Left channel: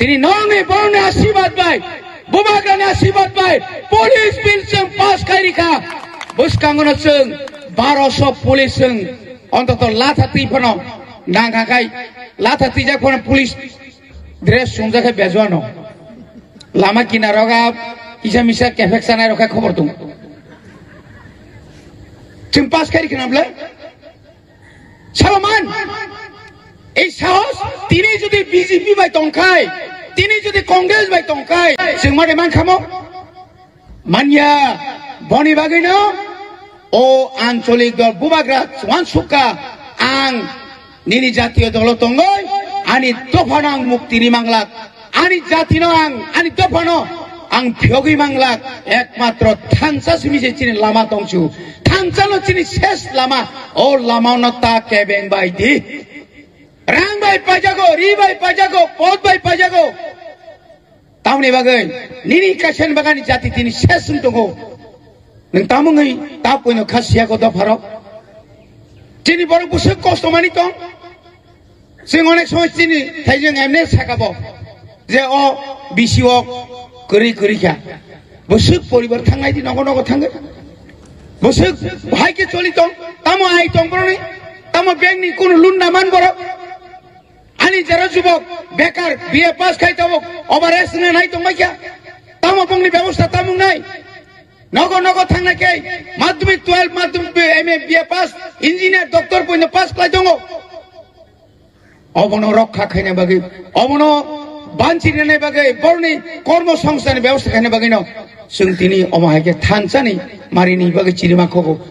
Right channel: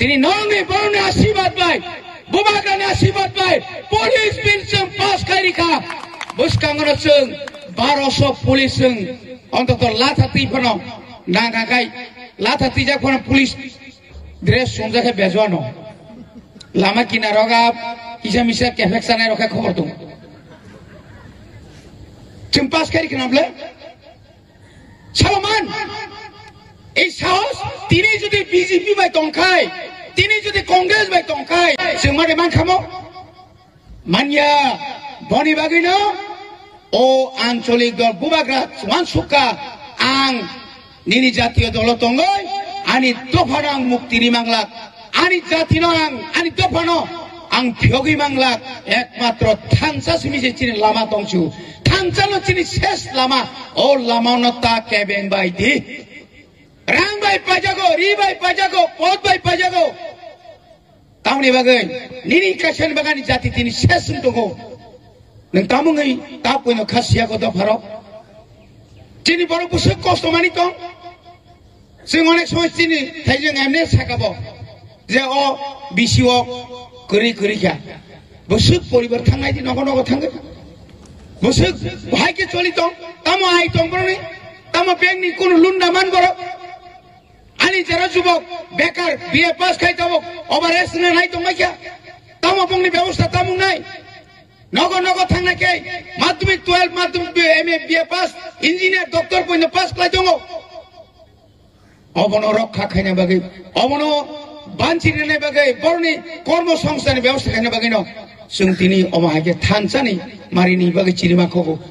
তিনি নরনে বরনে আশীর্বাদ পাই বুবাগ্রানে আশীর্বাদ পাই পুলিশ বিল जों পাস খাইরিখা বসকাঙ্গন जों 1200 পুলিশ जों অন্তত লাথাতি ফনো নাগাগাই লাথাতি যা কোন পুলিশ ড্রেস সুংজাকে বেজওয়ানো লামা কিনারগা ইসা মিসা কেফেকসানাय রখা খবর দं जों পাস খাইরিখা নাবলে সালমান এই সাহস তিনি যদি বিজেপি বাই তংখাই তিনি যদি কংগ্রেস বাই তংখাই जों মাদে মান খামো মানিয়া বনি বাগিনো ও আঞ্চলিক দল বুবাগ্রা ওয়ানসুকা আং নিনি জাতীয় দল তঙ্গই আনি দফানাং মুক্তিনি মাংলাক আনি জাতিনো আং আনি দফানো আং ফিয়গি মাংলাক একমাত্র থানসা সিমিজে চিনি লামা তংসু থানসানো চিনি শেষ লামা ও লামানো তা কেবেং বাইদি রাং বাই পাজাগো রি বাই পাজাগো পদ বাই পাজাগো তামনি বাগै নিনি কাছেন বাগানি জাতি তিনি শেষ দंगो नों तामुङै ता पयनो खासियाखौ दफारो दिनै बर' बुसो कस्तमानि दं जों अनेक समय दिनै थाइजों एमने साकाबो जे अ बिसिअ गोरै गोरैखा बुसो परिबार थांनाय दिन नगो नगो थांगोन बुसो भाइके चलि दं तामो आइ दं बर'नि तामो बेंकनि कोनो लुन्ना मान बर' आनि जरा जुबक बेकार बिए पास खाइताबो ओभारेज नाय दं माइया तामो बंनि व्यवस्था तामुं नाय नगो नगो थांना के माध्यमिक 12 माध्यमिक एमए बिए पास इंजिनियर डॉक्टर पयनो पास खाइ दङ अबनो रक्षा खाइने बागै अबनो बानचिने बागै बरनि कर्म संस्थानि व्यवस्था खाइने बागै न जों दिनै अमाहायके थानसानि मारिनि बागै चिरिमाखौ